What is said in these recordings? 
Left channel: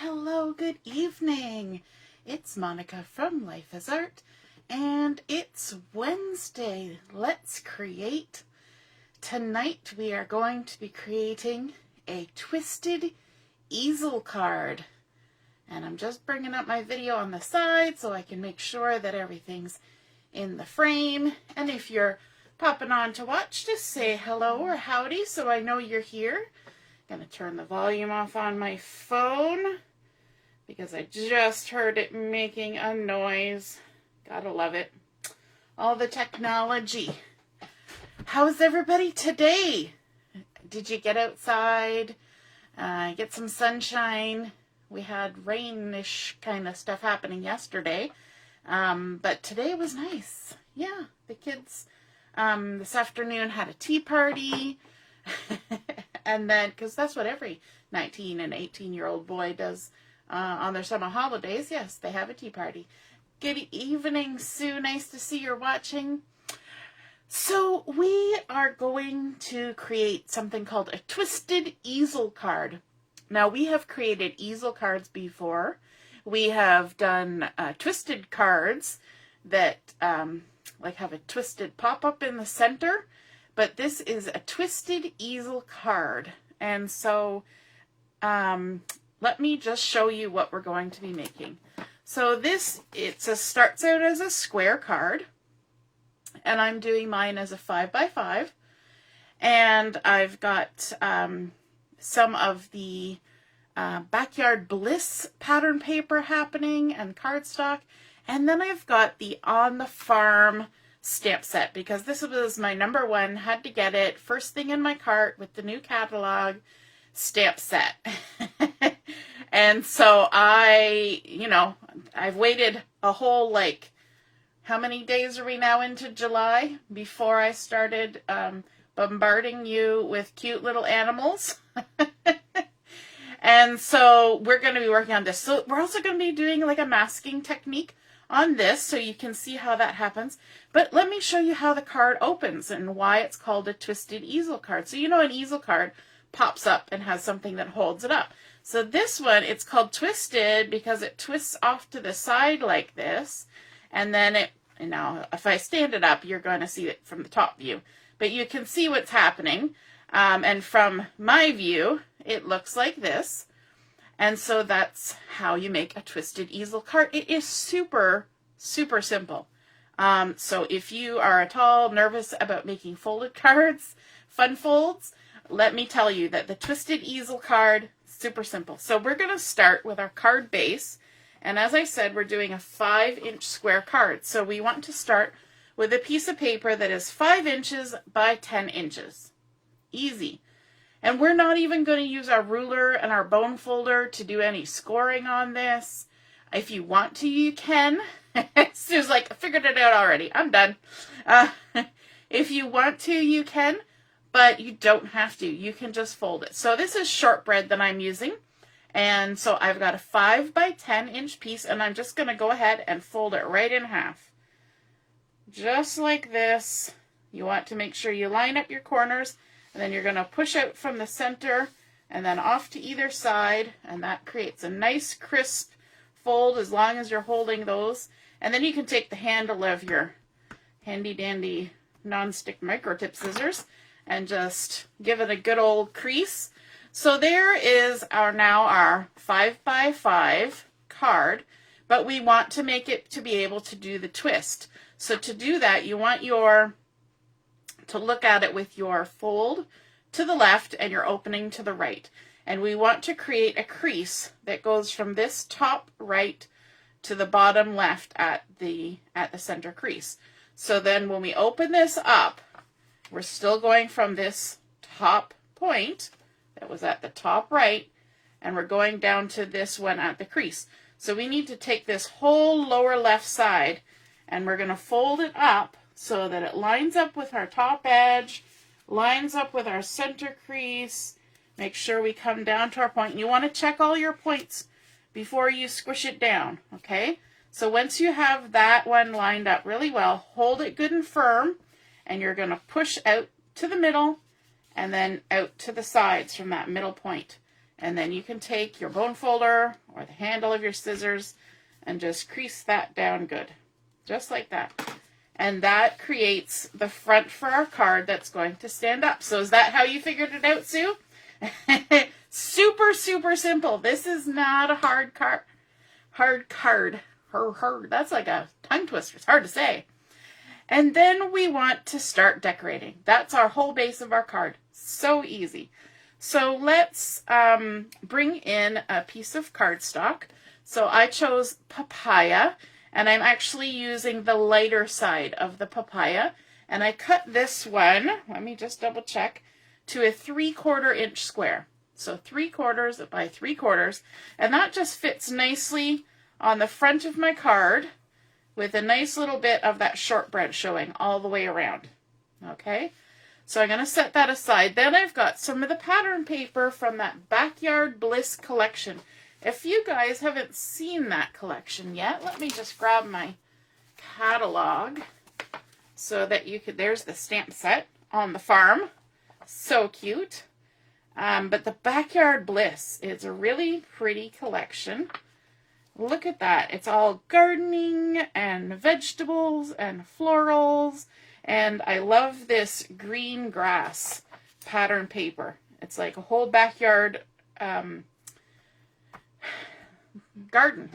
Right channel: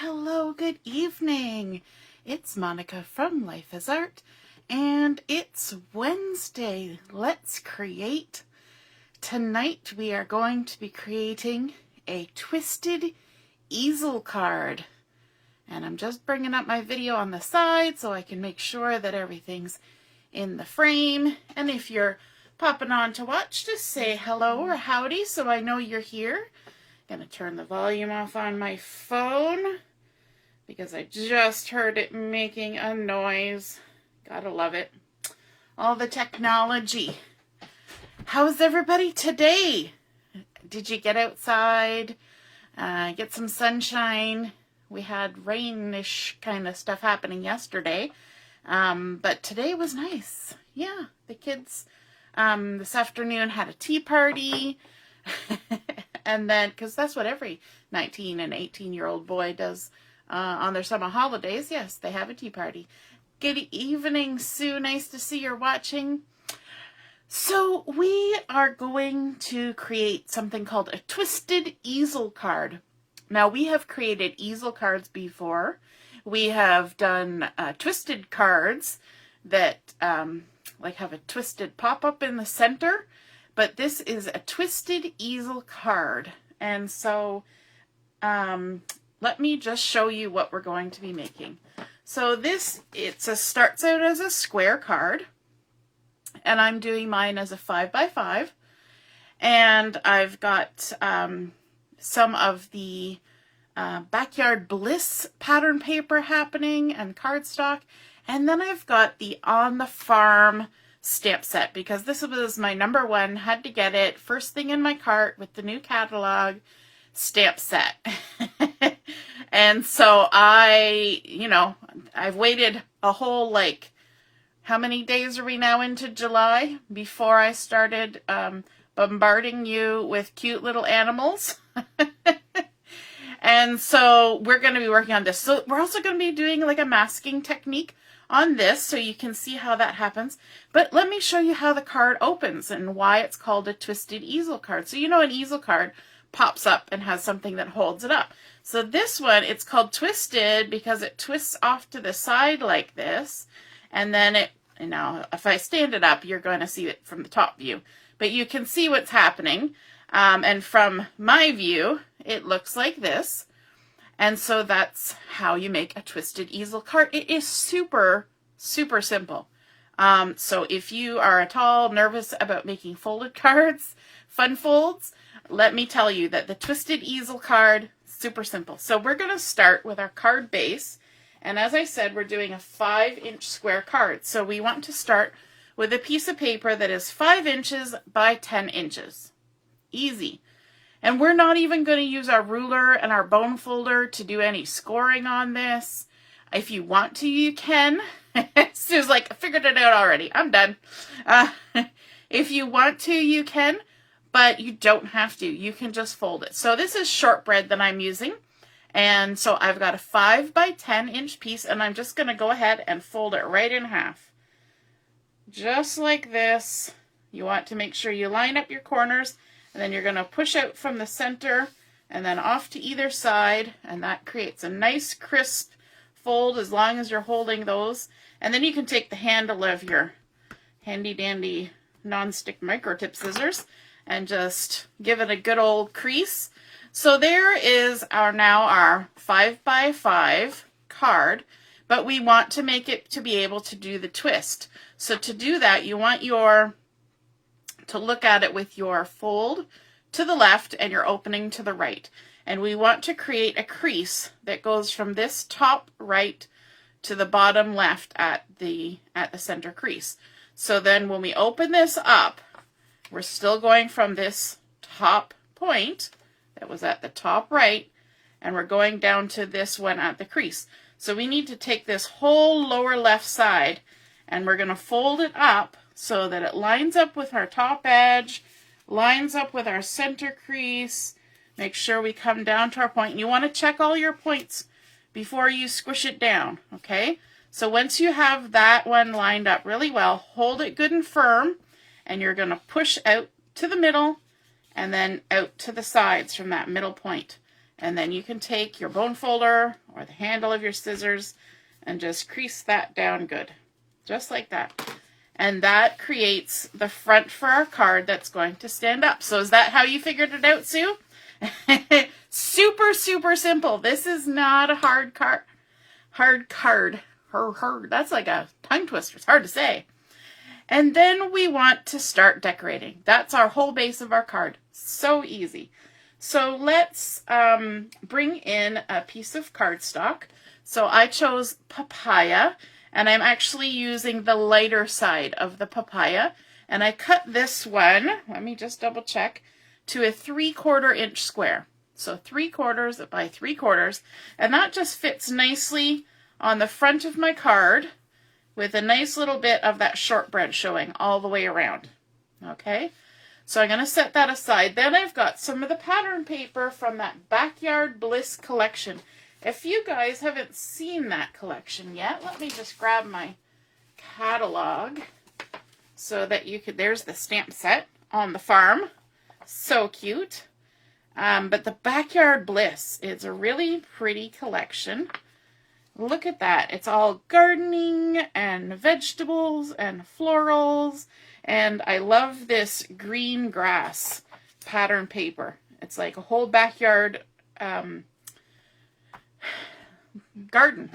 Hello, good evening. It's Monica from Life is Art, and it's Wednesday. Let's create. Tonight we are going to be creating a Twisted Easel card. And I'm just bringing up my video on the side so I can make sure that everything's in the frame. And if you're popping on to watch, just say hello or howdy so I know you're here. I'm going to turn the volume off on my phone because I just heard it making a noise. Gotta love it. All the technology. How's everybody today? Did you get outside, get some sunshine? We had rainish kind of stuff happening yesterday, but today was nice. Yeah, the kids this afternoon had a tea party. And then, because that's what every 19 and 18-year-old boy does on their summer holidays. Yes, they have a tea party. Good evening, Sue. Nice to see you're watching. So we are going to create something called a Twisted Easel card. Now, we have created easel cards before. We have done twisted cards that like have a twisted pop-up in the center. But this is a Twisted Easel card. And so let me just show you what we're going to be making. So this, starts out as a square card. And I'm doing mine as a 5x5. And I've got some of the Backyard Bliss pattern paper happening and cardstock. And then I've got the On the Farm stamp set, because this was my number one, had to get it first thing in my cart with the new catalog stamp set. And so I've waited a whole, how many days are we now into July before I started bombarding you with cute little animals. And so we're going to be working on this. So we're also going to be doing a masking technique on this so you can see how that happens. But let me show you how the card opens and why it's called a Twisted Easel card. So an easel card pops up and has something that holds it up. So this one, it's called Twisted because it twists off to the side like this. And then now if I stand it up, you're going to see it from the top view. But you can see what's happening. And from my view, it looks like this. And so that's how you make a Twisted Easel card. It is super, super simple. So if you are at all nervous about making folded cards, fun folds, let me tell you that the Twisted Easel card, super simple. So we're going to start with our card base. And as I said, we're doing a 5-inch square card. So we want to start with a piece of paper that is 5 inches by 10 inches. Easy. And we're not even going to use our ruler and our bone folder to do any scoring on this. If you want to, you can. Sue's like, I figured it out already. I'm done. If you want to, you can, but you don't have to. You can just fold it. So this is Shortbread that I'm using. And so I've got a 5 by 10 inch piece, and I'm just going to go ahead and fold it right in half. Just like this. You want to make sure you line up your corners. And then you're going to push out from the center and then off to either side. And that creates a nice crisp fold as long as you're holding those. And then you can take the handle of your handy dandy non-stick microtip scissors and just give it a good old crease. So there is our 5x5 card, but we want to make it to be able to do the twist. So to do that, you want to look at it with your fold to the left and your opening to the right. And we want to create a crease that goes from this top right to the bottom left at the center crease. So then when we open this up, we're still going from this top point that was at the top right, and we're going down to this one at the crease. So we need to take this whole lower left side and we're going to fold it up so that it lines up with our top edge, lines up with our center crease. Make sure we come down to our point. And you want to check all your points before you squish it down, okay? So once you have that one lined up really well, hold it good and firm, and you're going to push out to the middle and then out to the sides from that middle point. And then you can take your bone folder or the handle of your scissors and just crease that down good. Just like that. And that creates the front for our card that's going to stand up. So is that how you figured it out, Sue? Super, super simple. This is not a hard card. That's like a tongue twister. It's hard to say. And then we want to start decorating. That's our whole base of our card. So easy. So let's bring in a piece of cardstock. So I chose Papaya, and I'm actually using the lighter side of the Papaya. And I cut this one, let me just double check, to a 3/4 inch square. So 3/4 by 3/4. And that just fits nicely on the front of my card with a nice little bit of that shortbread showing all the way around. Okay, so I'm going to set that aside. Then I've got some of the pattern paper from that Backyard Bliss collection. If you guys haven't seen that collection yet, let me just grab my catalog so that you could, there's the stamp set on the farm. So cute. But the Backyard Bliss is a really pretty collection. Look at that. It's all gardening and vegetables and florals. And I love this green grass pattern paper. It's like a whole backyard garden,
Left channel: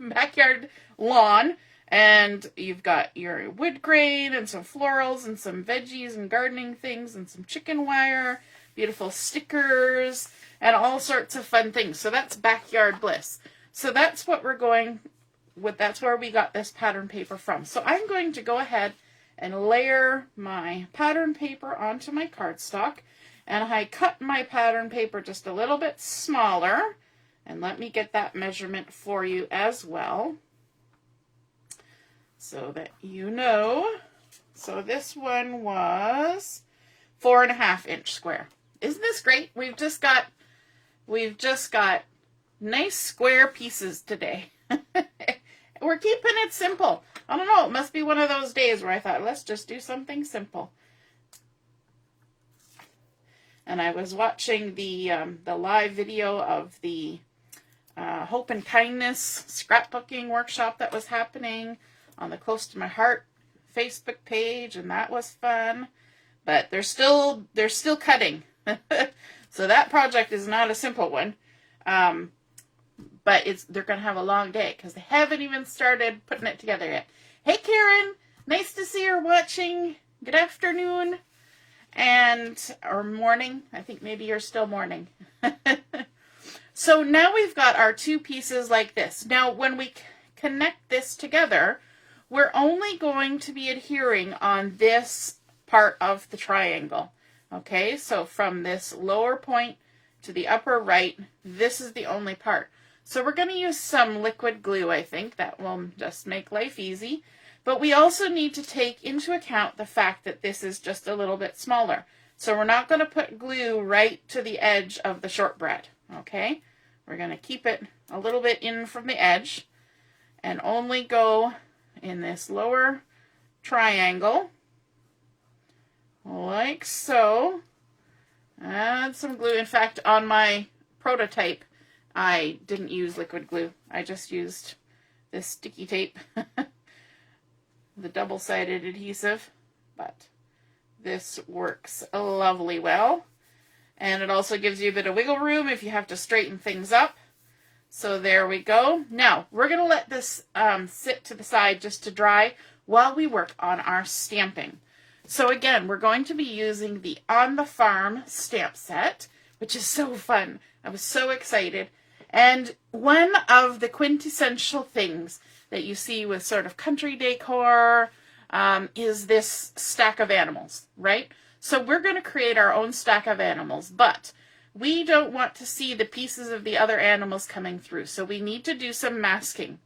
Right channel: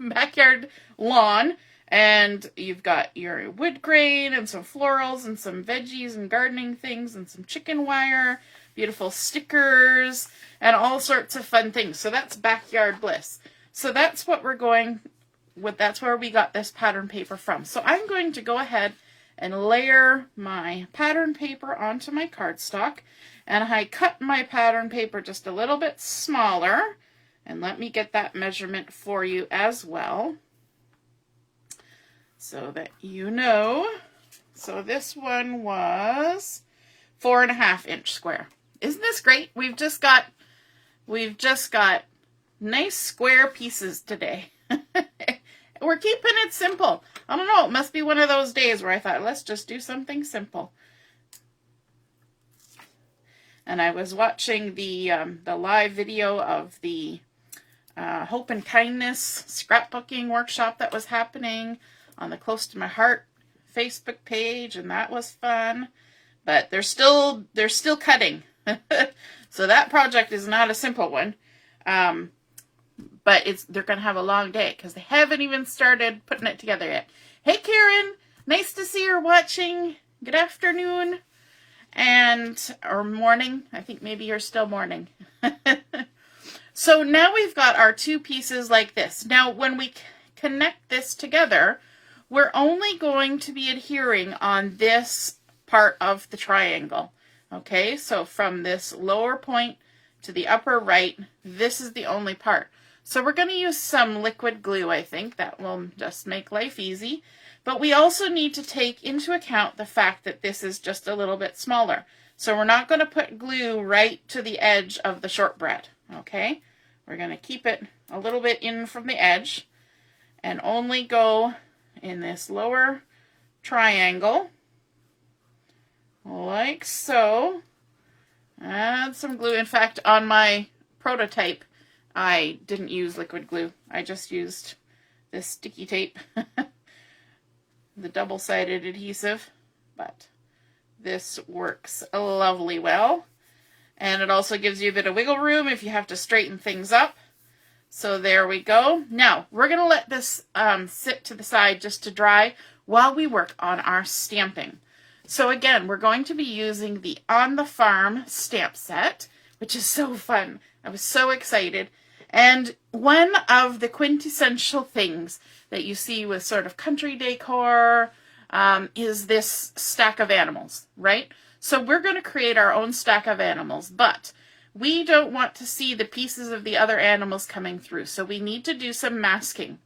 backyard lawn. And you've got your wood grain and some florals and some veggies and gardening things and some chicken wire, beautiful stickers, and all sorts of fun things. So that's Backyard Bliss. So that's what we're going with. That's where we got this pattern paper from. So I'm going to go ahead and layer my pattern paper onto my cardstock. And I cut my pattern paper just a little bit smaller. And let me get that measurement for you as well, so that you know. So this one was 4.5 inch square. Isn't this great? We've just got nice square pieces today. We're keeping it simple. I don't know, it must be one of those days where I thought, let's just do something simple. And I was watching the live video of the Hope and Kindness scrapbooking workshop that was happening on the Close to My Heart Facebook page, and that was fun. But they're still cutting. So that project is not a simple one. But they're going to have a long day because they haven't even started putting it together yet. Hey, Karen. Nice to see you're watching. Good afternoon. Or morning. I think maybe you're still morning. So now we've got our two pieces like this. Now, when we connect this together, we're only going to be adhering on this part of the triangle. Okay, so from this lower point to the upper right, this is the only part. So we're going to use some liquid glue, I think. That will just make life easy. But we also need to take into account the fact that this is just a little bit smaller. So we're not going to put glue right to the edge of the shortbread. Okay, we're going to keep it a little bit in from the edge and only go in this lower triangle like so. Add some glue. In fact, on my prototype, I didn't use liquid glue. I just used this sticky tape, the double-sided adhesive, but this works lovely well. And it also gives you a bit of wiggle room if you have to straighten things up. So there we go. Now, we're going to let this sit to the side just to dry while we work on our stamping. So again, we're going to be using the On the Farm stamp set, which is so fun. I was so excited. And one of the quintessential things that you see with sort of country decor is this stack of animals, right? So we're going to create our own stack of animals, but we don't want to see the pieces of the other animals coming through. So we need to do some masking.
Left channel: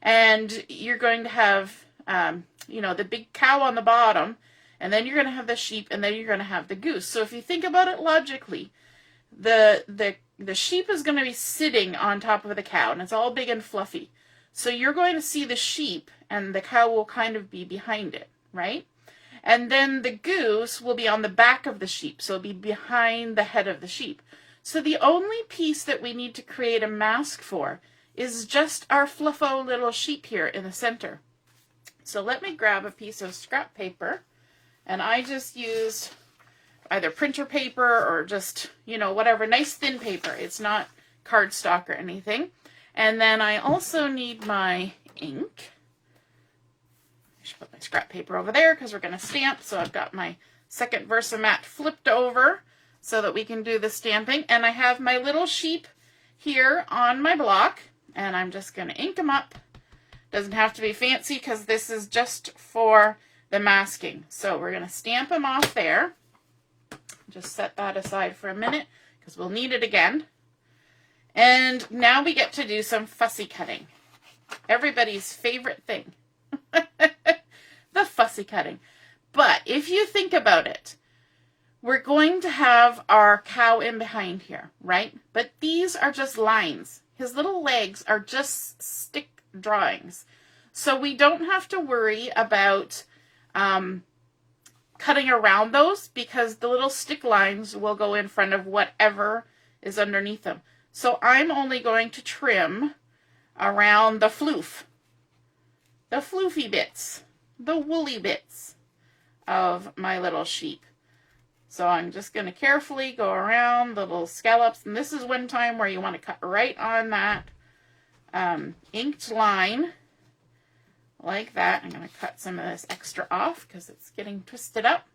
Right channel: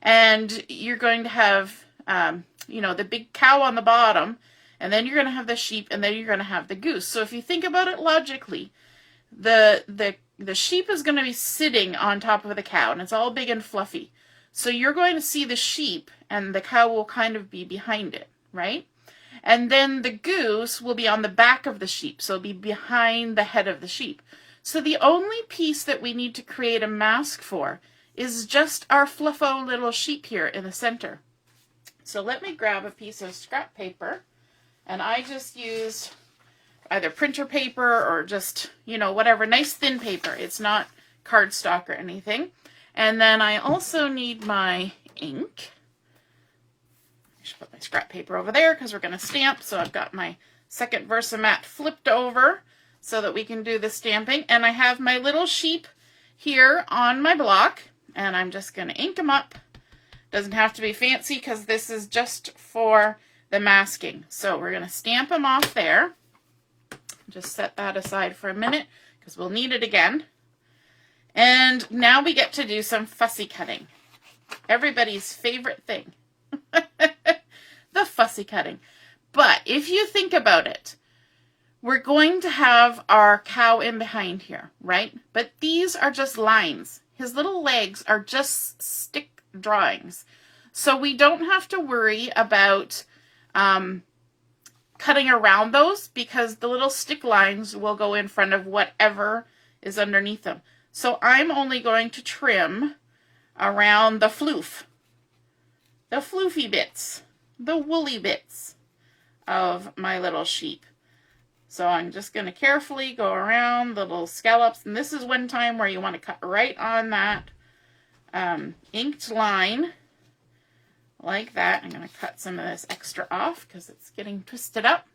And you're going to have, the big cow on the bottom, and then you're going to have the sheep, and then you're going to have the goose. So if you think about it logically, the sheep is going to be sitting on top of the cow, and it's all big and fluffy. So you're going to see the sheep, and the cow will kind of be behind it, right? And then the goose will be on the back of the sheep, so it'll be behind the head of the sheep. So the only piece that we need to create a mask for is just our fluffo little sheep here in the center. So let me grab a piece of scrap paper, and I just use either printer paper or just, you know, whatever, nice thin paper. It's not cardstock or anything. And then I also need my ink. I should put my scrap paper over there because we're going to stamp. So I've got my second Versamat flipped over so that we can do the stamping. And I have my little sheep here on my block, and I'm just going to ink them up. Doesn't have to be fancy because this is just for the masking. So we're going to stamp them off there. Just set that aside for a minute because we'll need it again. And now we get to do some fussy cutting. Everybody's favorite thing. The fussy cutting. But if you think about it, we're going to have our cow in behind here, right? But these are just lines. His little legs are just stick drawings. So we don't have to worry about cutting around those because the little stick lines will go in front of whatever is underneath them. So I'm only going to trim around the floof, the floofy bits, the woolly bits of my little sheep. So I'm just going to carefully go around the little scallops. And this is one time where you want to cut right on that inked line like that. I'm going to cut some of this extra off because it's getting twisted up.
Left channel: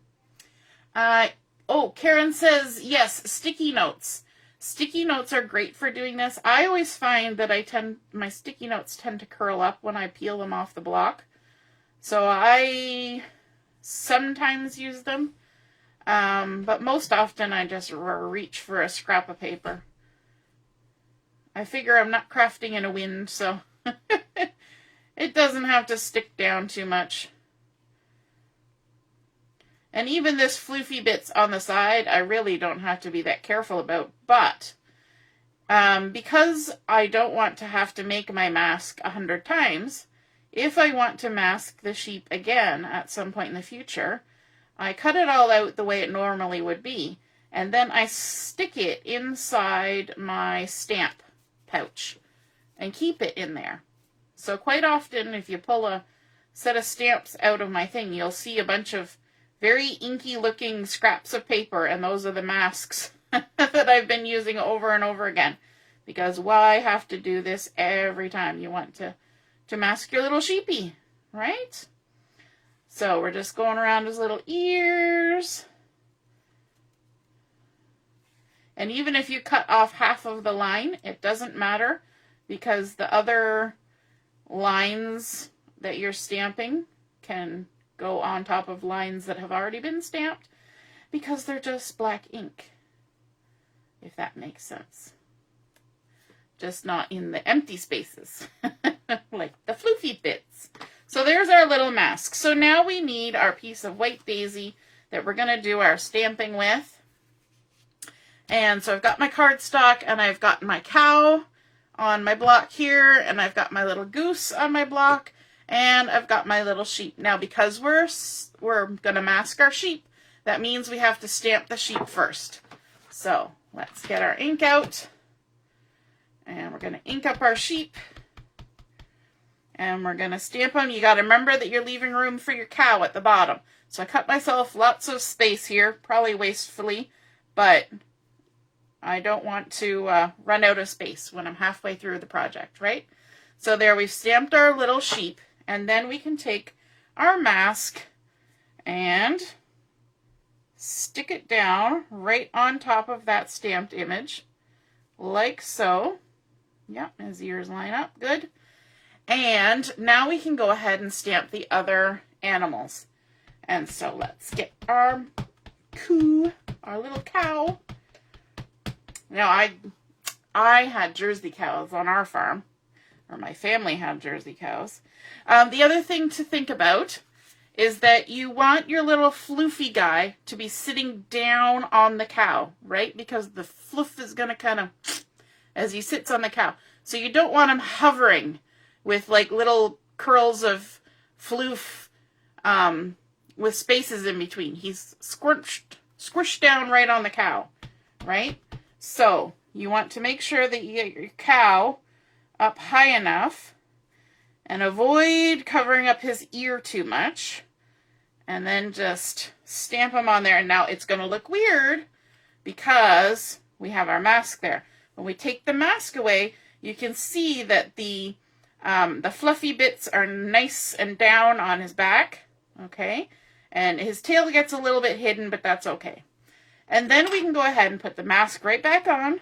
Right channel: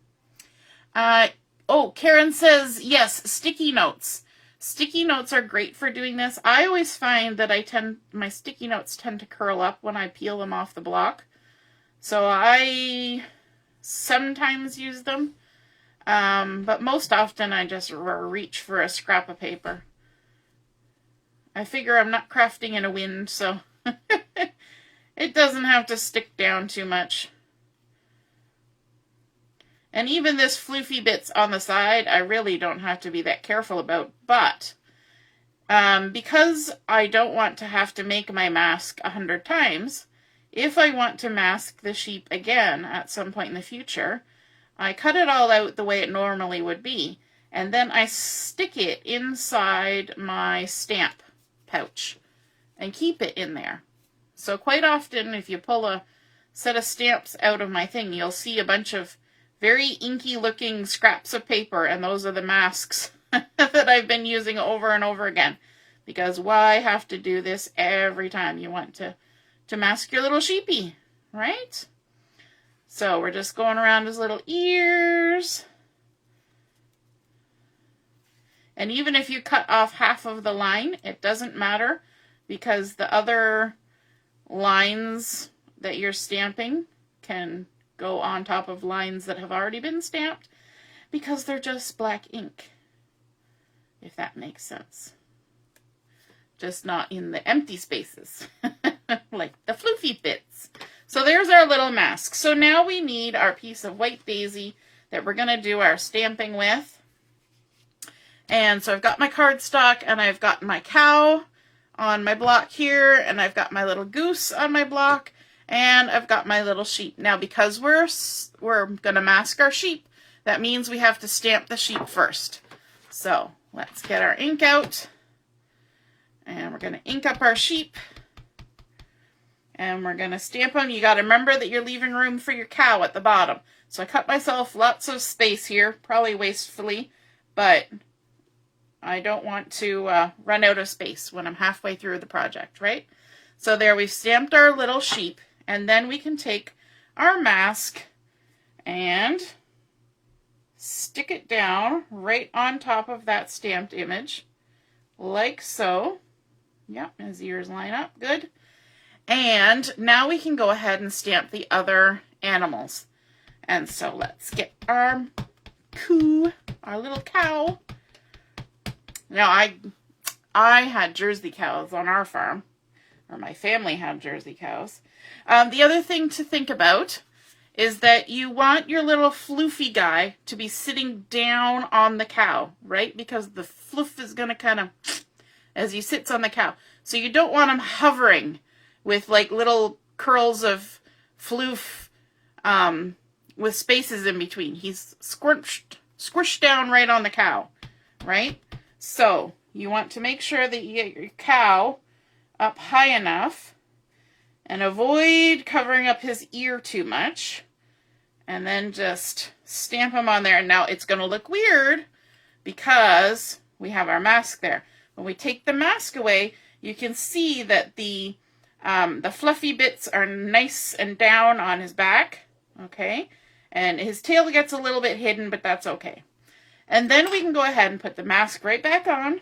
Oh, Karen says, yes, sticky notes. Sticky notes are great for doing this. I always find that my sticky notes tend to curl up when I peel them off the block. So I sometimes use them. But most often I just reach for a scrap of paper. I figure I'm not crafting in a wind, so it doesn't have to stick down too much. And even this floofy bits on the side, I really don't have to be that careful about. But because I don't want to have to make my mask 100 times, if I want to mask the sheep again at some point in the future, I cut it all out the way it normally would be. And then I stick it inside my stamp pouch and keep it in there. So quite often, if you pull a set of stamps out of my thing, you'll see a bunch of very inky looking scraps of paper, and those are the masks that I've been using over and over again. Because why have to do this every time you want to mask your little sheepy, right? So we're just going around his little ears. And even if you cut off half of the line, it doesn't matter because the other lines that you're stamping can go on top of lines that have already been stamped because they're just black ink, if that makes sense. Just not in the empty spaces, like the floofy bits. So there's our little mask. So now we need our piece of white daisy that we're going to do our stamping with. And so I've got my cardstock, and I've got my cow on my block here, and I've got my little goose on my block, and I've got my little sheep. Now, because we're going to mask our sheep, that means we have to stamp the sheep first. So let's get our ink out, and we're going to ink up our sheep, and we're going to stamp them. You got to remember that you're leaving room for your cow at the bottom. So I cut myself lots of space here, probably wastefully, but I don't want to run out of space when I'm halfway through the project, right? So there, we've stamped our little sheep, and then we can take our mask and stick it down right on top of that stamped image, like so. Yep, his ears line up, good. And now we can go ahead and stamp the other animals. And so let's get our little cow. Now, I had Jersey cows on our farm, or my family had Jersey cows. The other thing to think about is that you want your little floofy guy to be sitting down on the cow, right? Because the floof is going to kind of, as he sits on the cow. So you don't want him hovering with like little curls of floof with spaces in between. He's squished down right on the cow, right? So you want to make sure that you get your cow up high enough and avoid covering up his ear too much. And then just stamp him on there. And now it's going to look weird because we have our mask there. When we take the mask away, you can see that the fluffy bits are nice and down on his back. Okay. And his tail gets a little bit hidden, but that's okay. And then we can go ahead and put the mask right back on.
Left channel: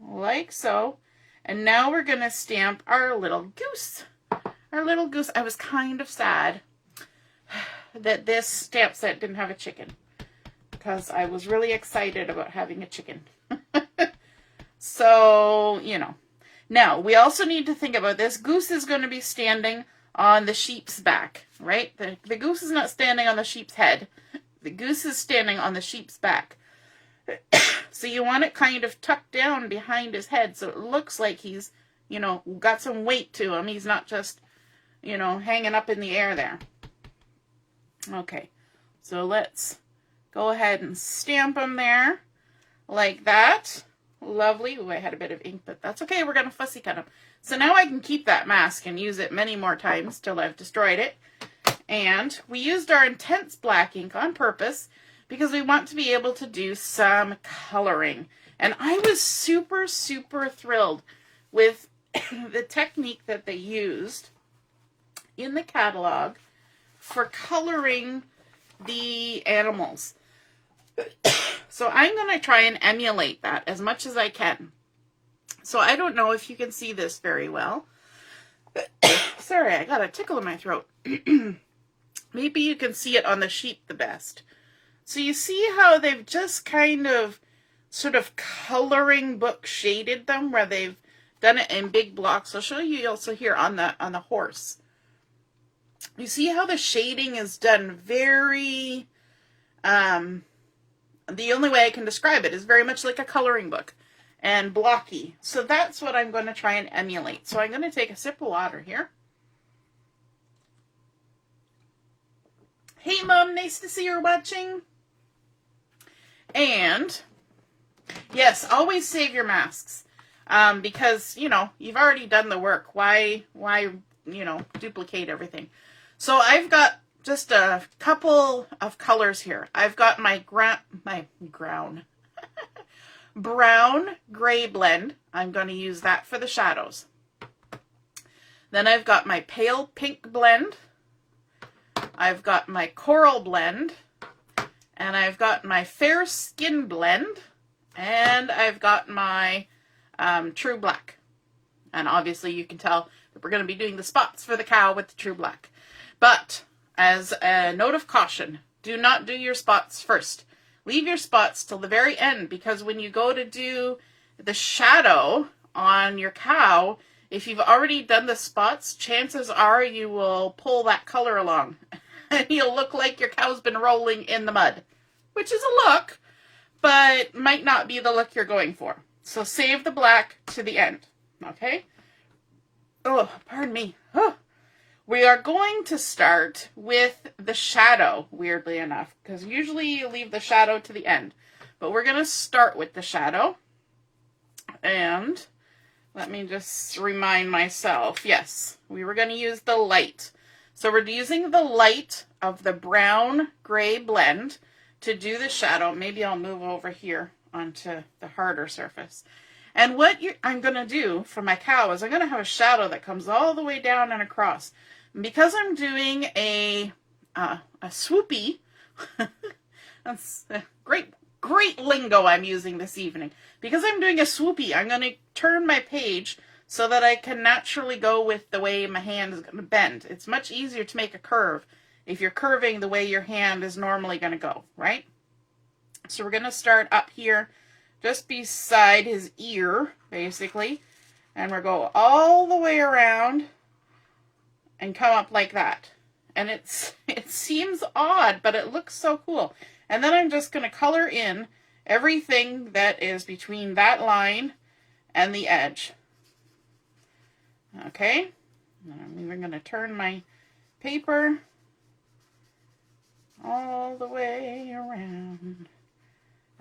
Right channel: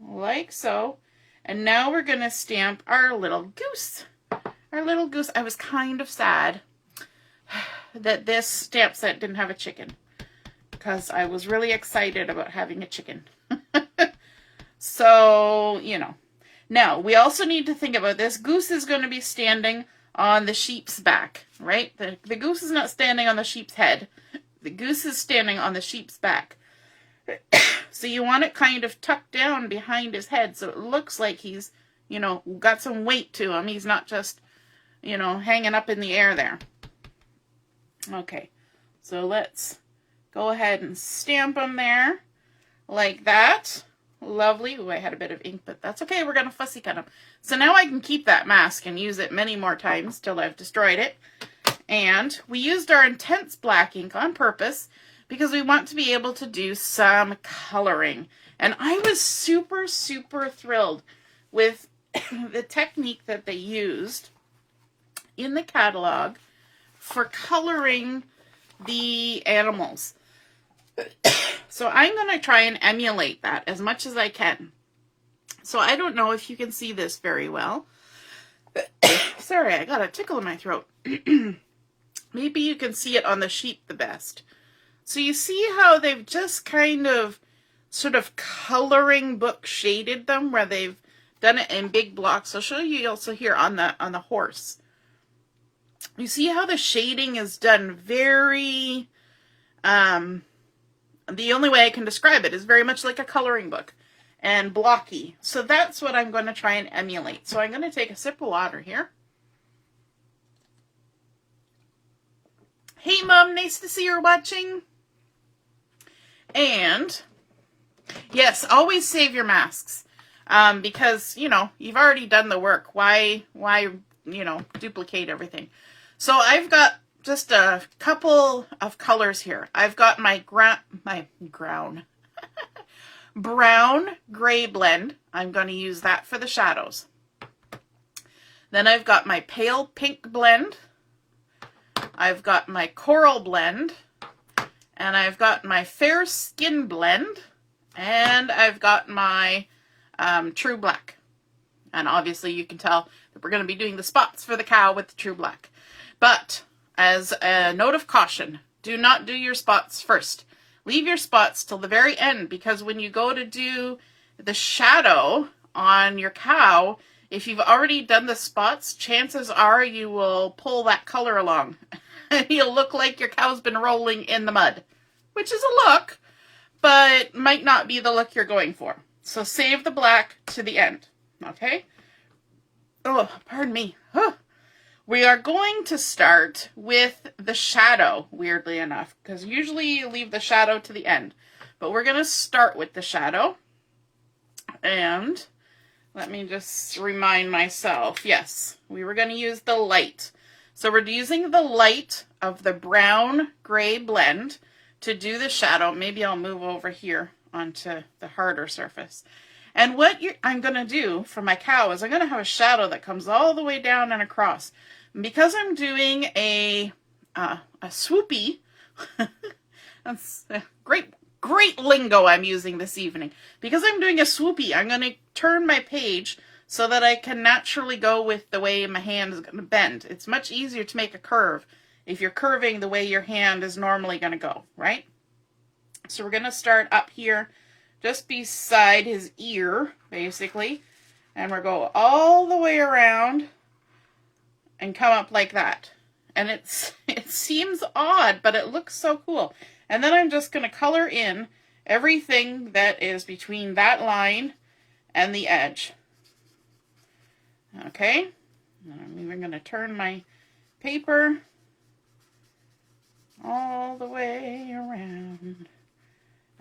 Like so. And now we're going to stamp our little goose. Our little goose. I was kind of sad that this stamp set didn't have a chicken, because I was really excited about having a chicken. So, you know. Now, we also need to think about this. Goose is going to be standing on the sheep's back, right? The goose is not standing on the sheep's head. The goose is standing on the sheep's back. So you want it kind of tucked down behind his head so it looks like he's, you know, got some weight to him. He's not just, you know, hanging up in the air there. Okay, so let's go ahead and stamp him there like that. Lovely. Ooh, I had a bit of ink, but that's okay. We're going to fussy cut him. So now I can keep that mask and use it many more times till I've destroyed it. And we used our intense black ink on purpose because we want to be able to do some coloring. And I was super, super thrilled with the technique that they used in the catalog for coloring the animals. So I'm going to try and emulate that as much as I can. So I don't know if you can see this very well. Sorry, I got a tickle in my throat. Maybe you can see it on the sheet the best. So you see how they've just kind of sort of coloring book shaded them, where they've done it in big blocks. I'll show you also here on the horse. You see how the shading is done very, the only way I can describe it is very much like a coloring book and blocky. So that's what I'm going to try and emulate. So I'm going to take a sip of water here. Hey Mom, nice to see you're watching. And yes, always save your masks. Because, you know, you've already done the work. Why, you know, duplicate everything? So I've got just a couple of colors here. I've got my brown gray blend. I'm going to use that for the shadows. Then I've got my pale pink blend. I've got my coral blend. And I've got my fair skin blend. And I've got my true black. And obviously you can tell that we're going to be doing the spots for the cow with the true black. But as a note of caution, do not do your spots first. Leave your spots till the very end, because when you go to do the shadow on your cow, if you've already done the spots, chances are you will pull that color along. You'll look like your cow's been rolling in the mud, which is a look, but might not be the look you're going for. So save the black to the end, okay? Oh, pardon me. Huh. We are going to start with the shadow, weirdly enough, because usually you leave the shadow to the end. But we're going to start with the shadow. And let me just remind myself, yes, we were going to use the light. So we're using the light of the brown gray blend to do the shadow. Maybe I'll move over here onto the harder surface. And what I'm going to do for my cow is I'm going to have a shadow that comes all the way down and across. Because I'm doing a swoopy, that's great lingo I'm using this evening. Because I'm doing a swoopy, I'm going to turn my page so that I can naturally go with the way my hand is going to bend. It's much easier to make a curve if you're curving the way your hand is normally going to go, right? So we're going to start up here just beside his ear, basically. And we'll go all the way around and come up like that. And it seems odd, but it looks so cool. And then I'm just going to color in everything that is between that line and the edge. Okay? I'm even going to turn my paper all the way around.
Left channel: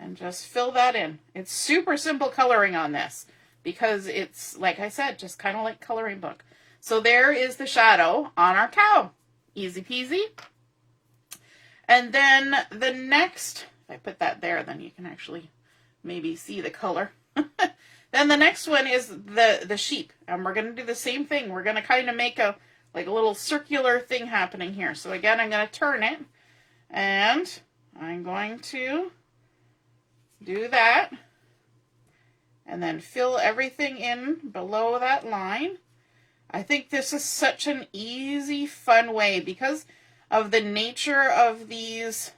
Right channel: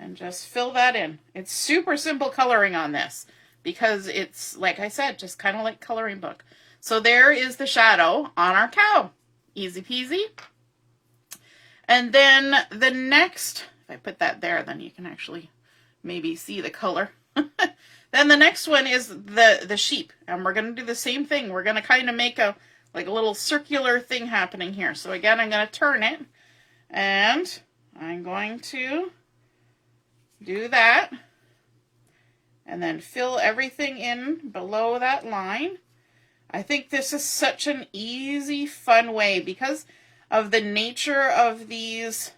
And just fill that in. It's super simple coloring on this because it's, like I said, just kind of like coloring book. So there is the shadow on our cow. Easy peasy. And then the next, if I put that there, then you can actually maybe see the color. Then the next one is the sheep. And we're going to do the same thing. We're going to kind of make a little circular thing happening here. So again, I'm going to turn it. And I'm going to do that. And then fill everything in below that line. I think this is such an easy, fun way because of the nature of these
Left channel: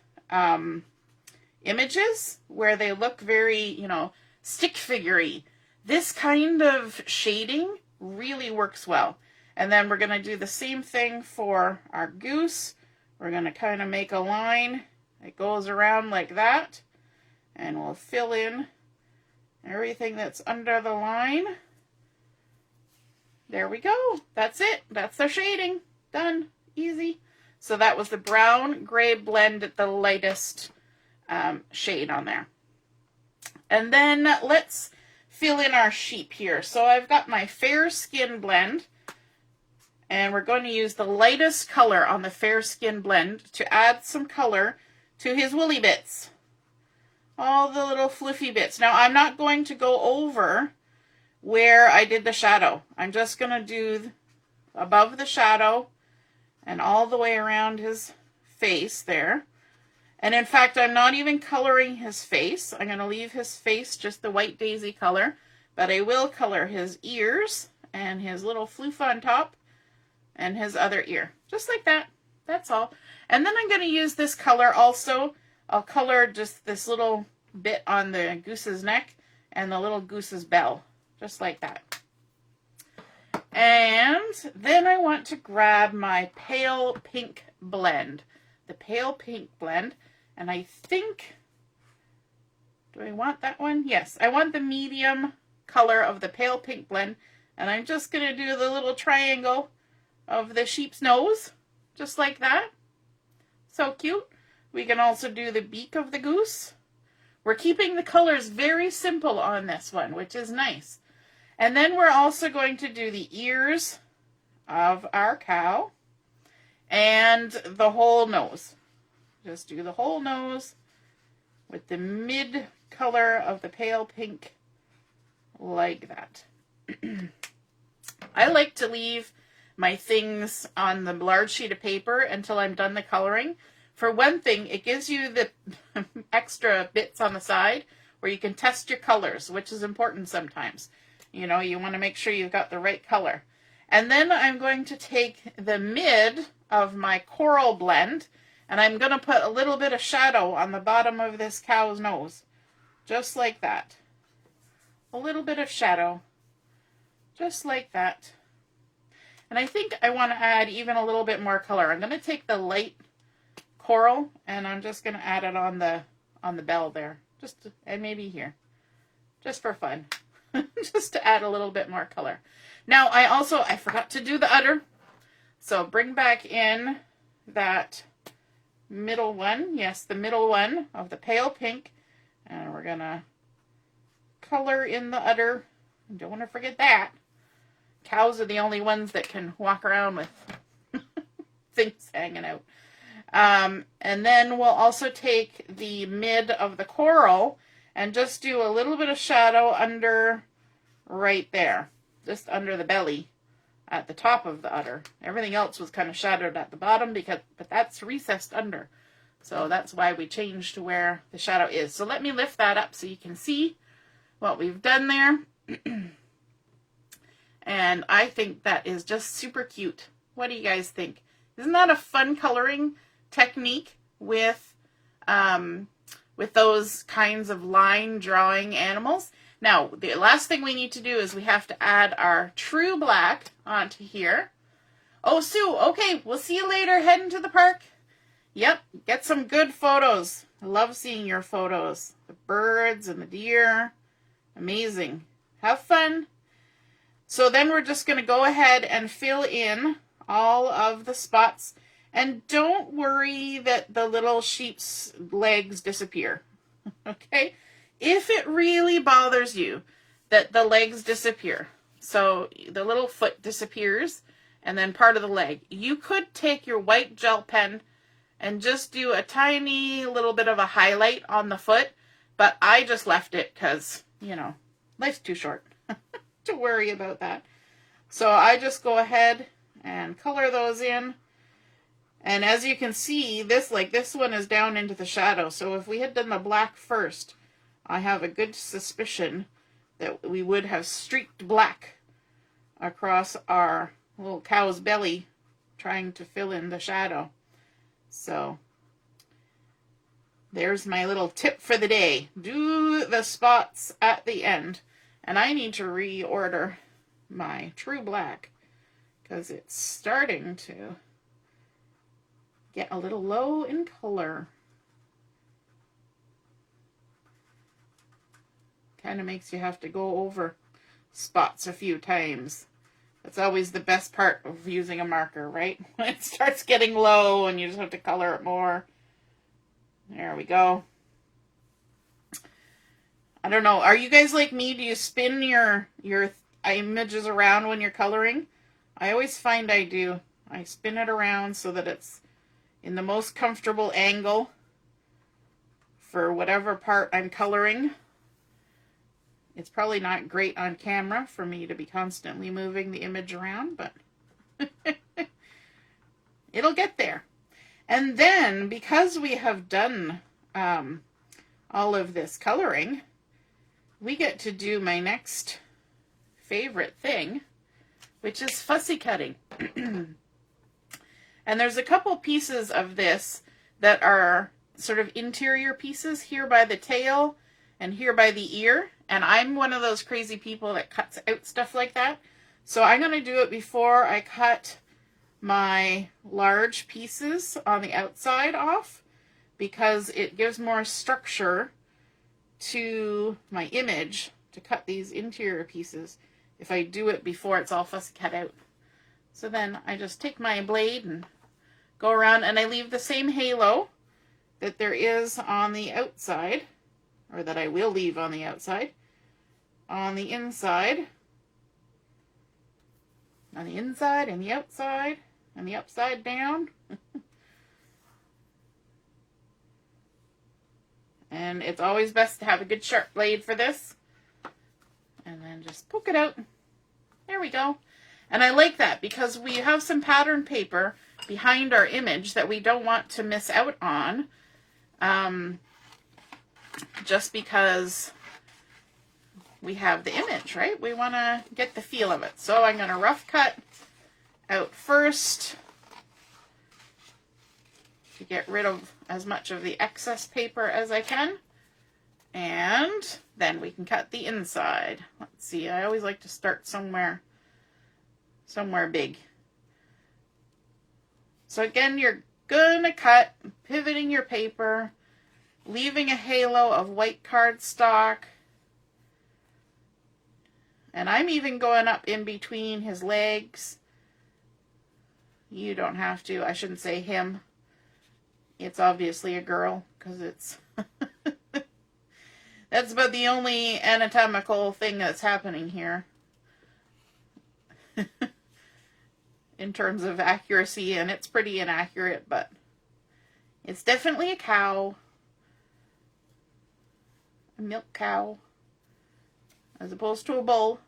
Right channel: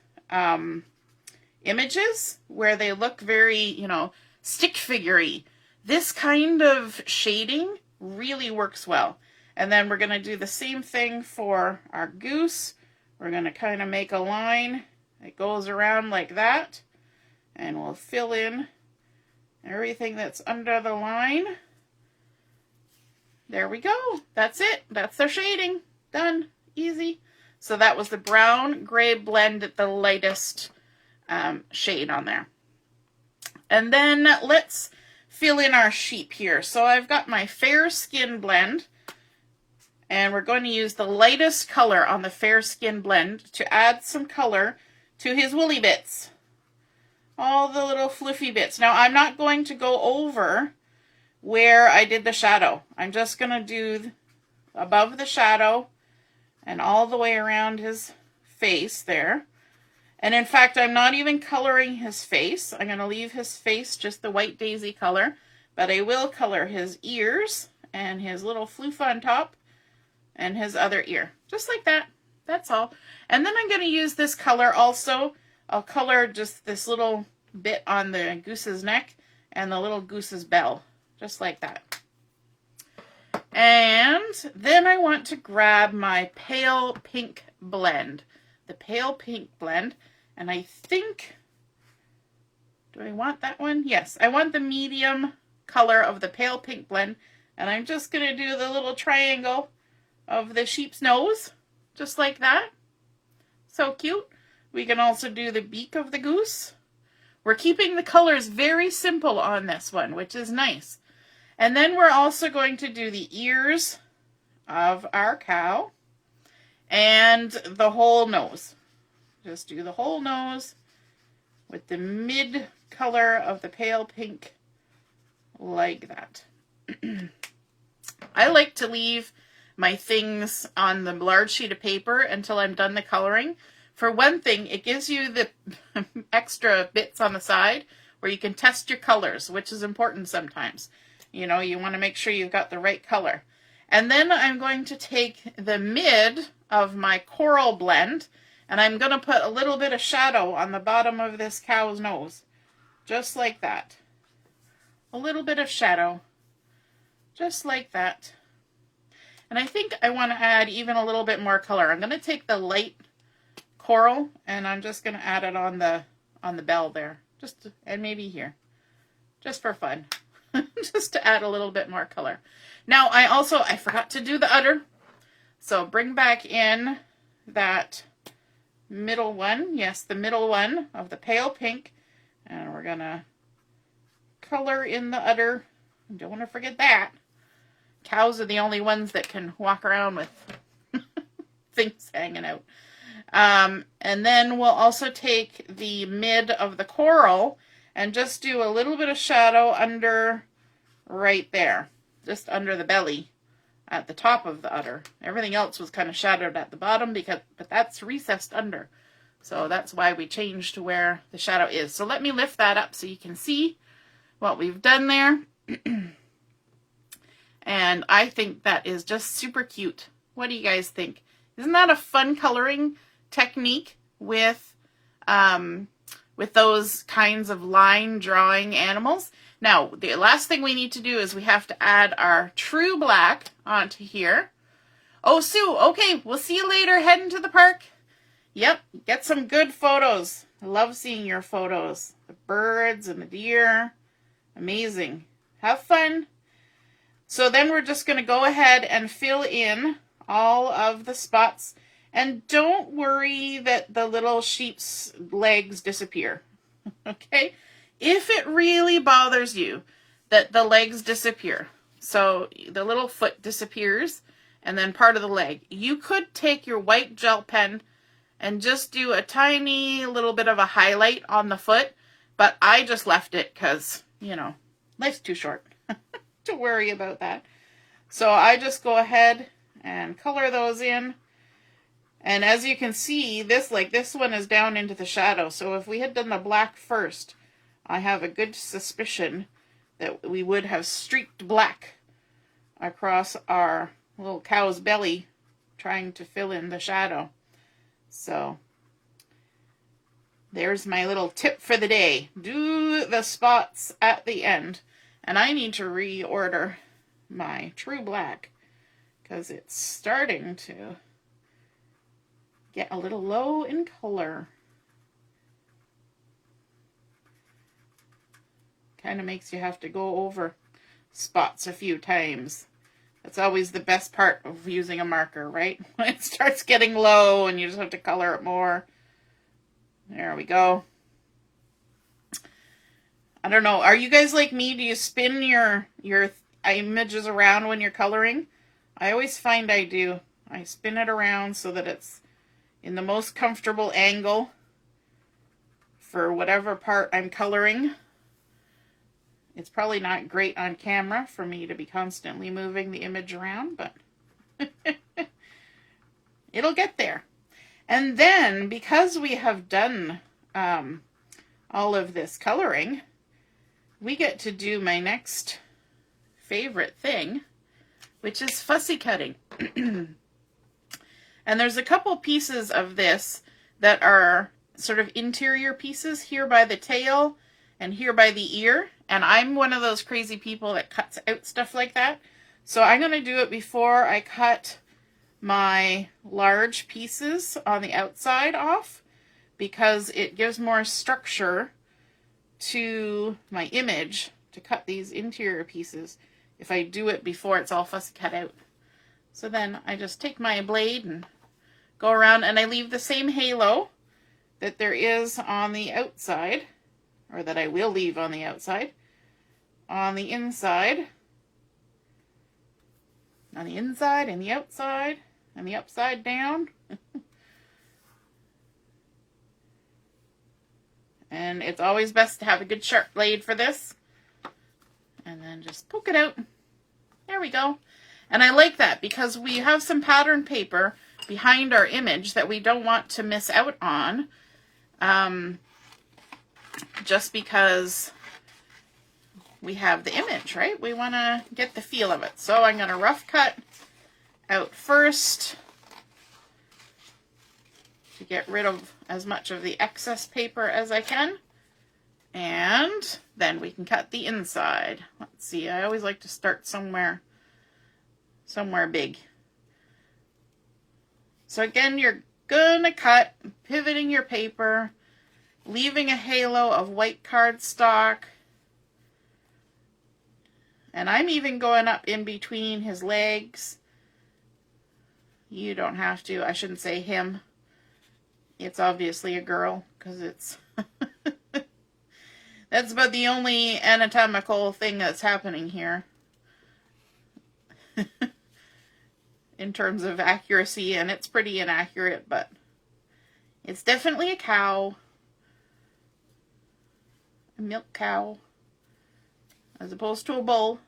images where they look very, you know, stick figure-y. This kind of shading really works well. And then we're going to do the same thing for our goose. We're going to kind of make a line that goes around like that. And we'll fill in everything that's under the line. There we go. That's it. That's the shading. Done. Easy. So that was the brown gray blend at the lightest shade on there. And then let's fill in our sheep here. So I've got my fair skin blend. And we're going to use the lightest color on the fair skin blend to add some color to his woolly bits. All the little fluffy bits. Now I'm not going to go over where I did the shadow. I'm just going to do above the shadow and all the way around his face there. And in fact, I'm not even coloring his face. I'm going to leave his face just the white daisy color, but I will color his ears and his little floof on top and his other ear. Just like that. That's all. And then I'm going to use this color also. I'll color just this little bit on the goose's neck and the little goose's bell. Just like that. And then I want to grab my pale pink blend. The pale pink blend. And I think, do I want that one? Yes, I want the medium color of the pale pink blend. And I'm just going to do the little triangle of the sheep's nose. Just like that. So cute. We can also do the beak of the goose. We're keeping the colors very simple on this one, which is nice. And then we're also going to do the ears of our cow and the whole nose. Just do the whole nose with the mid color of the pale pink like that. I like to leave my things on the large sheet of paper until I'm done the coloring. For one thing, it gives you the extra bits on the side where you can test your colors, which is important sometimes. You know, you want to make sure you've got the right color. And then I'm going to take the mid of my coral blend, and I'm going to put a little bit of shadow on the bottom of this cow's nose. Just like that. A little bit of shadow. Just like that. And I think I want to add even a little bit more color. I'm going to take the light coral, and I'm just going to add it on the bell there. And maybe here. Just for fun. Just to add a little bit more color. Now, I forgot to do the udder. So bring back in that middle one. Yes, the middle one of the pale pink. And we're going to color in the udder. Don't want to forget that. Cows are the only ones that can walk around with things hanging out. And then we'll also take the mid of the coral and just do a little bit of shadow under right there. Just under the belly at the top of the udder. Everything else was kind of shadowed at the bottom, but that's recessed under. So that's why we changed to where the shadow is. So let me lift that up so you can see what we've done there. And I think that is just super cute. What do you guys think? Isn't that a fun coloring technique with those kinds of line drawing animals? Now, the last thing we need to do is we have to add our true black onto here. Oh, Sue, okay, we'll see you later. Heading to the park. Yep, get some good photos. I love seeing your photos. The birds and the deer. Amazing. Have fun. So then we're just going to go ahead and fill in all of the spots. And don't worry that the little sheep's legs disappear. Okay? If it really bothers you that the legs disappear, so the little foot disappears and then part of the leg, you could take your white gel pen and just do a tiny little bit of a highlight on the foot, but I just left it because, you know, life's too short to worry about that. So I just go ahead and color those in. And as you can see, this one is down into the shadow. So if we had done the black first, I have a good suspicion that we would have streaked black across our little cow's belly trying to fill in the shadow. So there's my little tip for the day. Do the spots at the end. And I need to reorder my True Black because it's starting to get a little low in color. Kind of makes you have to go over spots a few times. That's always the best part of using a marker, right? When it starts getting low and you just have to color it more. There we go. I don't know. Are you guys like me? Do you spin your images around when you're coloring? I always find I do. I spin it around so that it's in the most comfortable angle for whatever part I'm coloring. It's probably not great on camera for me to be constantly moving the image around, but it'll get there. And then, because we have done all of this coloring, we get to do my next favorite thing, which is fussy cutting. And there's a couple pieces of this that are sort of interior pieces, here by the tail and here by the ear. And I'm one of those crazy people that cuts out stuff like that. So I'm going to do it before I cut my large pieces on the outside off, because it gives more structure to my image to cut these interior pieces if I do it before it's all fussy cut out. So then I just take my blade and go around, and I leave the same halo that there is on the outside, or that I will leave on the outside, on the inside, on the inside and the outside, and the upside down. And it's always best to have a good sharp blade for this. And then just poke it out. There we go. And I like that because we have some pattern paper behind our image that we don't want to miss out on. Just because we have the image, right? We want to get the feel of it. So I'm going to rough cut out first to get rid of as much of the excess paper as I can. And then we can cut the inside. Let's see, I always like to start somewhere big. So again, you're going to cut, pivoting your paper, leaving a halo of white cardstock. And I'm even going up in between his legs. You don't have to. I shouldn't say him. It's obviously a girl, because it's... That's about the only anatomical thing that's happening here. In terms of accuracy, and it's pretty inaccurate, but it's definitely a cow. A milk cow. As opposed to a bull.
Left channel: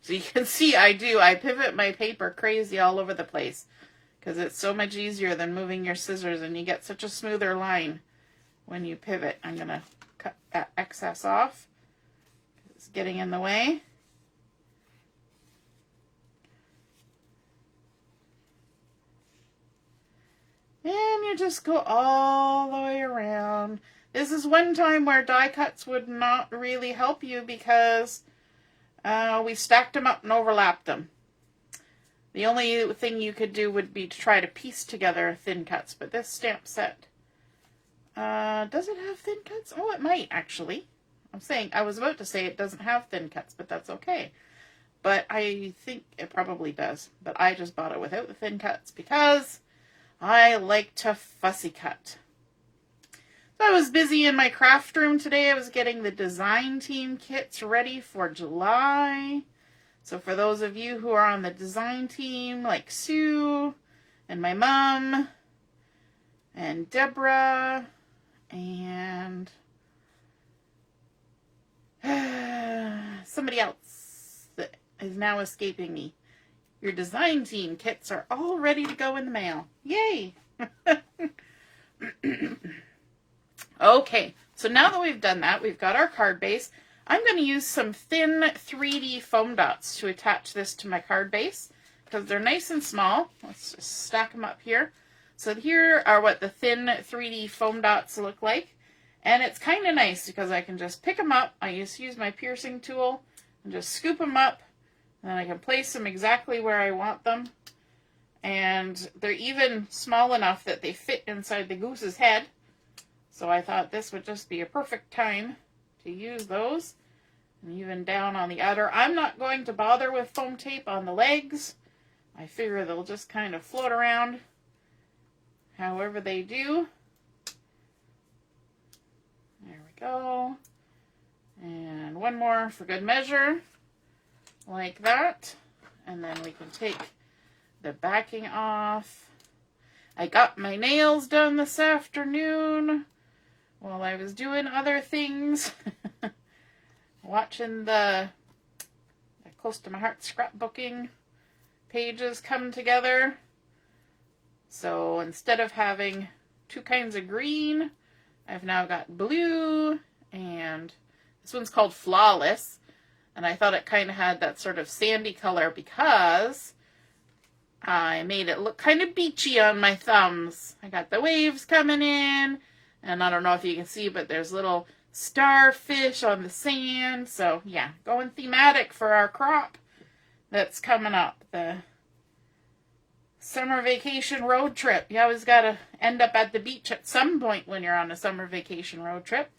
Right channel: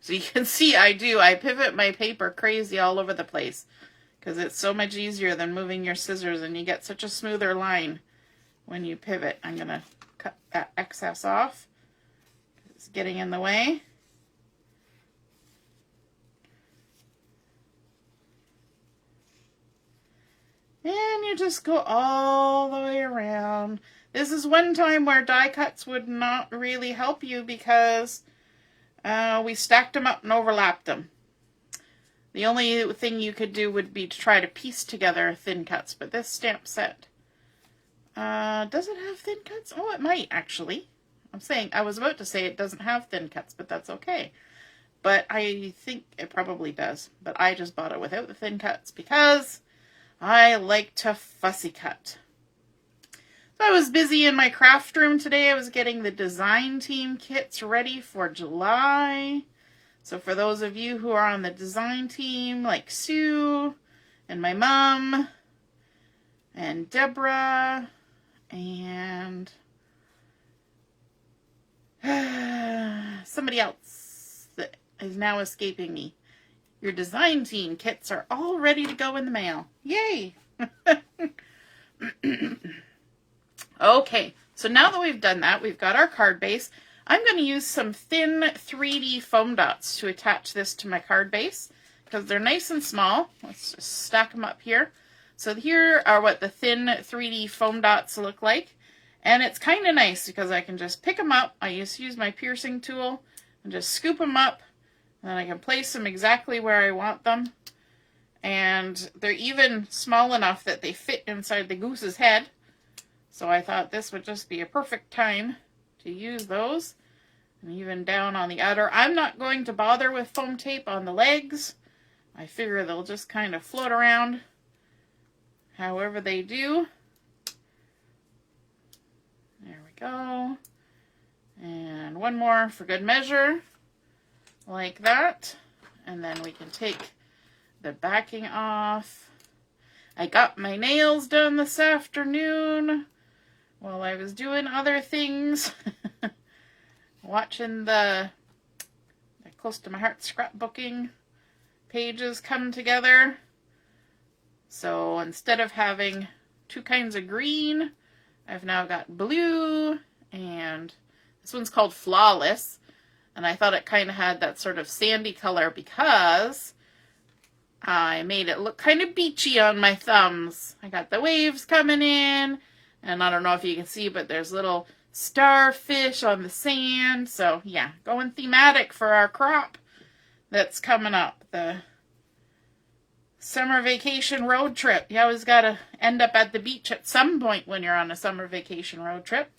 So you can see I pivot my paper crazy all over the place, because it's so much easier than moving your scissors, and you get such a smoother line when you pivot. I'm going to cut that excess off. It's getting in the way. And you just go all the way around. This is one time where die cuts would not really help you, because we stacked them up and overlapped them. The only thing you could do would be to try to piece together thin cuts, but this stamp set, does it have thin cuts? Oh, it might, actually. I was about to say it doesn't have thin cuts, but that's okay. But I think it probably does. But I just bought it without the thin cuts because I like to fussy cut. So I was busy in my craft room today. I was getting the design team kits ready for July. So for those of you who are on the design team, like Sue and my mom and Deborah and somebody else that is now escaping me. Your design team kits are all ready to go in the mail. Yay! Okay, so now that we've done that, we've got our card base. I'm going to use some thin 3D foam dots to attach this to my card base because they're nice and small. Let's just stack them up here. So here are what the thin 3D foam dots look like. And it's kind of nice because I can just pick them up. I used to use my piercing tool and just scoop them up. And then I can place them exactly where I want them. And they're even small enough that they fit inside the goose's head. So I thought this would just be a perfect time to use those. And even down on the outer. I'm not going to bother with foam tape on the legs. I figure they'll just kind of float around however they do. There we go. And one more for good measure. Like that. And then we can take the backing off. I got my nails done this afternoon while I was doing other things. Watching the Close to My Heart scrapbooking pages come together. So instead of having two kinds of green, I've now got blue, and this one's called Flawless. And I thought it kind of had that sort of sandy color because I made it look kind of beachy on my thumbs. I got the waves coming in, and I don't know if you can see, but there's little starfish on the sand. So yeah, going thematic for our crop that's coming up. The summer vacation road trip. You always got to end up at the beach at some point when you're on a summer vacation road trip.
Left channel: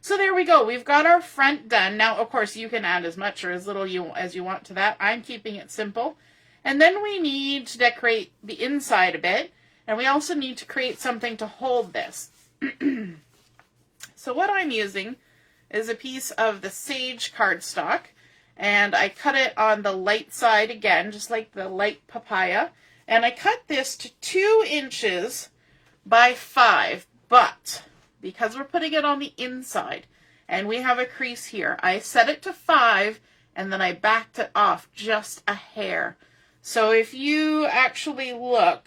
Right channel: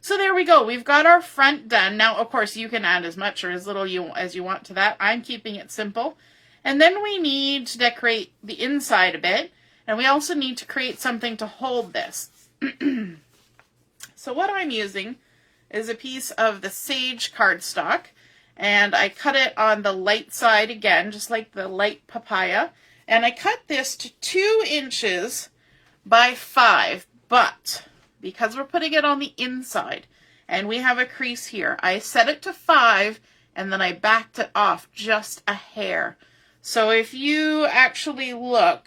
So there we go. We've got our front done. Now, of course, you can add as much or as little as you want to that. I'm keeping it simple. And then we need to decorate the inside a bit. And we also need to create something to hold this. So what I'm using is a piece of the Sage cardstock. And I cut it on the light side again, just like the light papaya. And I cut this to 2 inches by 5. But because we're putting it on the inside and we have a crease here, I set it to 5 and then I backed it off just a hair. So if you actually look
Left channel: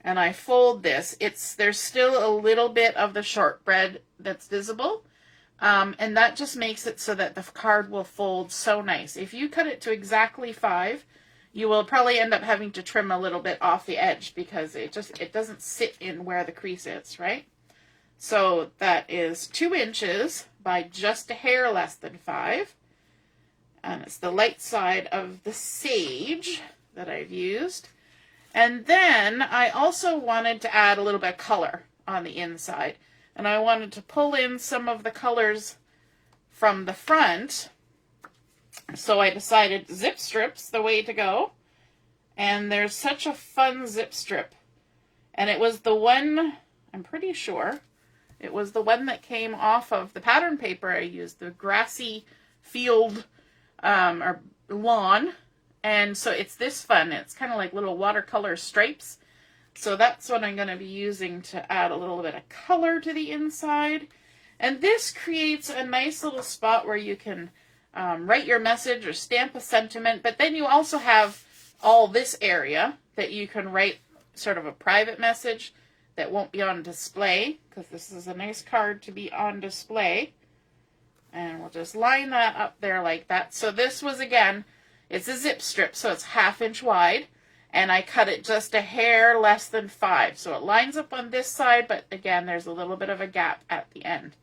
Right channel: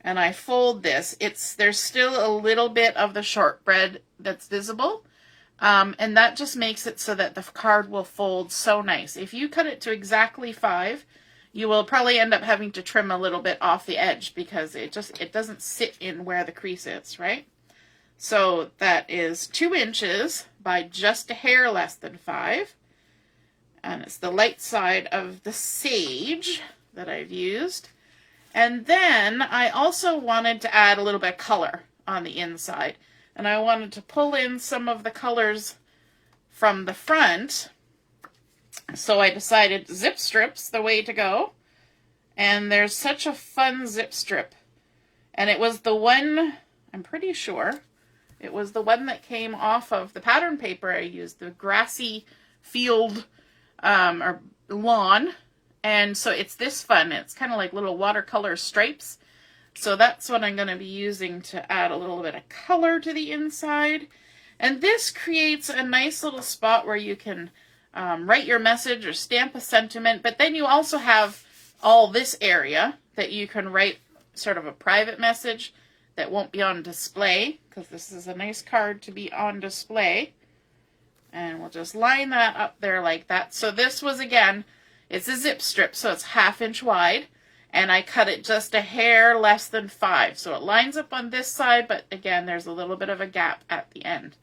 and I fold this, there's still a little bit of the shortbread that's visible. And that just makes it so that the card will fold so nice. If you cut it to exactly 5, you will probably end up having to trim a little bit off the edge because it doesn't sit in where the crease is, right? So that is 2 inches by just a hair less than 5. And it's the light side of the Sage that I've used. And then I also wanted to add a little bit of color on the inside. And I wanted to pull in some of the colors from the front. So I decided zip strips the way to go. And there's such a fun zip strip. And it was the one, I'm pretty sure, it was the one that came off of the pattern paper I used, the grassy field or lawn. And so it's this fun. It's kind of like little watercolor stripes. So that's what I'm going to be using to add a little bit of color to the inside. And this creates a nice little spot where you can write your message or stamp a sentiment. But then you also have all this area that you can write sort of a private message that won't be on display, because this is a nice card to be on display. And we'll just line that up there like that. So this was, again, it's a zip strip, so it's 1/2 inch wide. And I cut it just a hair less than 5. So it lines up on this side, but again, there's a little bit of a gap at the end.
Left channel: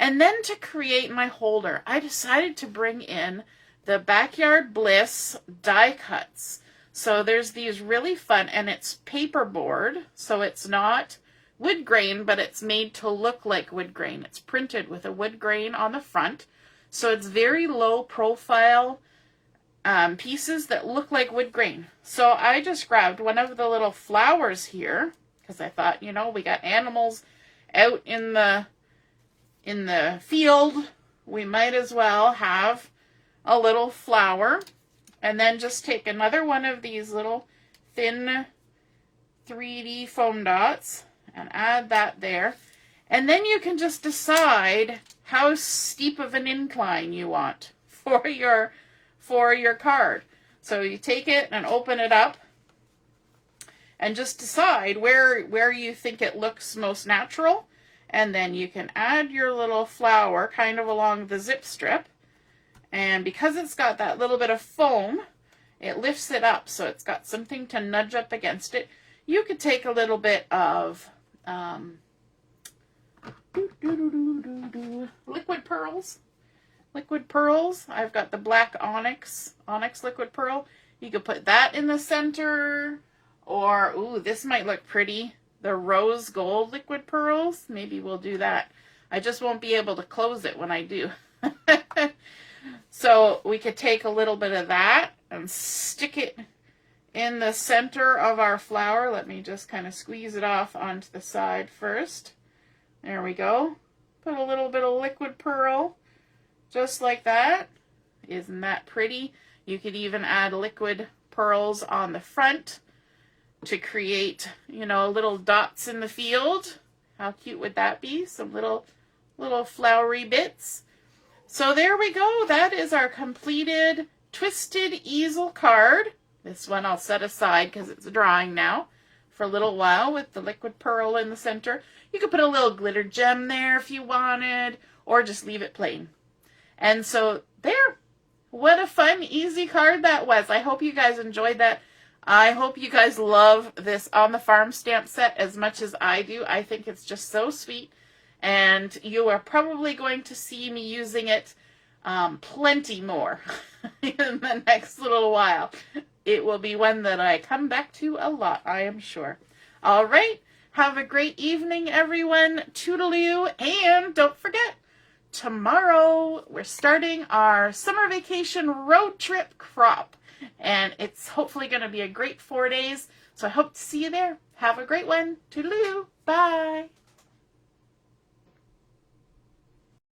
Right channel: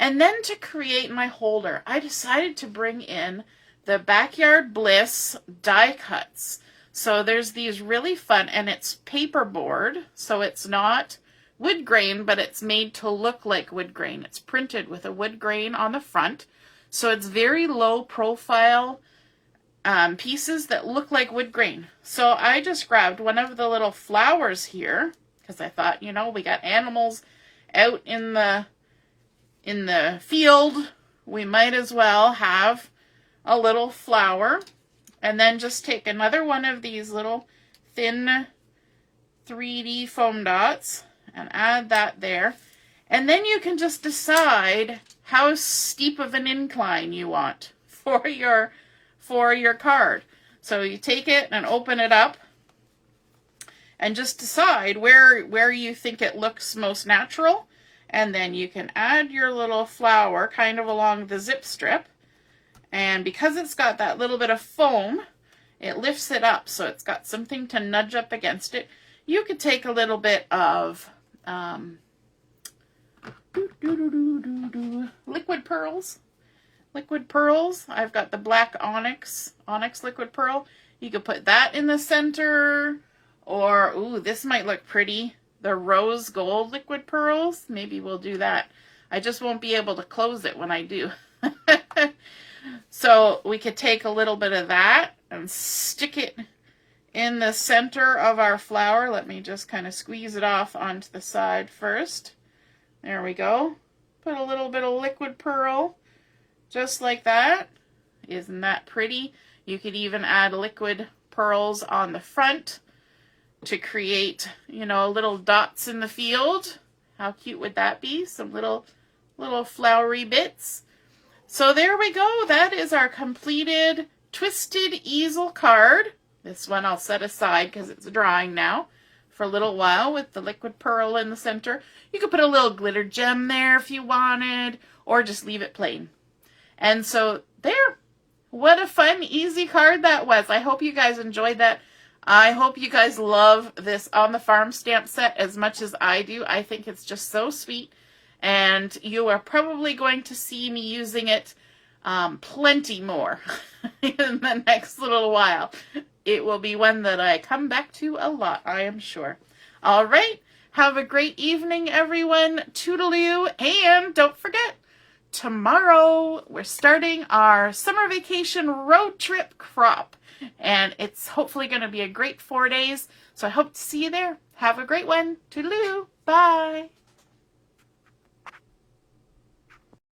And then to create my holder, I decided to bring in the Backyard Bliss die cuts. So there's these really fun, and it's paperboard, so it's not wood grain, but it's made to look like wood grain. It's printed with a wood grain on the front, so it's very low profile, pieces that look like wood grain. So I just grabbed one of the little flowers here because I thought, you know, we got animals out in the field. We might as well have a little flower. And then just take another one of these little thin 3D foam dots and add that there. And then you can just decide how steep of an incline you want for your card. So you take it and open it up and just decide where you think it looks most natural. And then you can add your little flower kind of along the zip strip. And because it's got that little bit of foam, it lifts it up so it's got something to nudge up against it. You could take a little bit of liquid pearls. Liquid pearls. I've got the black onyx liquid pearl. You could put that in the center. Or, ooh, this might look pretty. The rose gold liquid pearls. Maybe we'll do that. I just won't be able to close it when I do. So we could take a little bit of that and stick it in the center of our flower. Let me just kind of squeeze it off onto the side first. There we go. Put a little bit of liquid pearl just like that. Isn't that pretty? You could even add liquid pearls on the front to create, you know, little dots in the field. How cute would that be? Some little flowery bits. So there we go. That is our completed Twisted Easel card. This one I'll set aside because it's drying now for a little while with the liquid pearl in the center. You could put a little glitter gem there if you wanted, or just leave it plain. And so there. What a fun, easy card that was. I hope you guys enjoyed that. I hope you guys love this On the Farm stamp set as much as I do. I think it's just so sweet. And you are probably going to see me using it plenty more in the next little while. It will be one that I come back to a lot, I am sure. All right. Have a great evening, everyone. Toodaloo. And don't forget, tomorrow we're starting our summer vacation road trip crop. And it's hopefully going to be a great 4 days. So I hope to see you there. Have a great one. Toodaloo. Bye.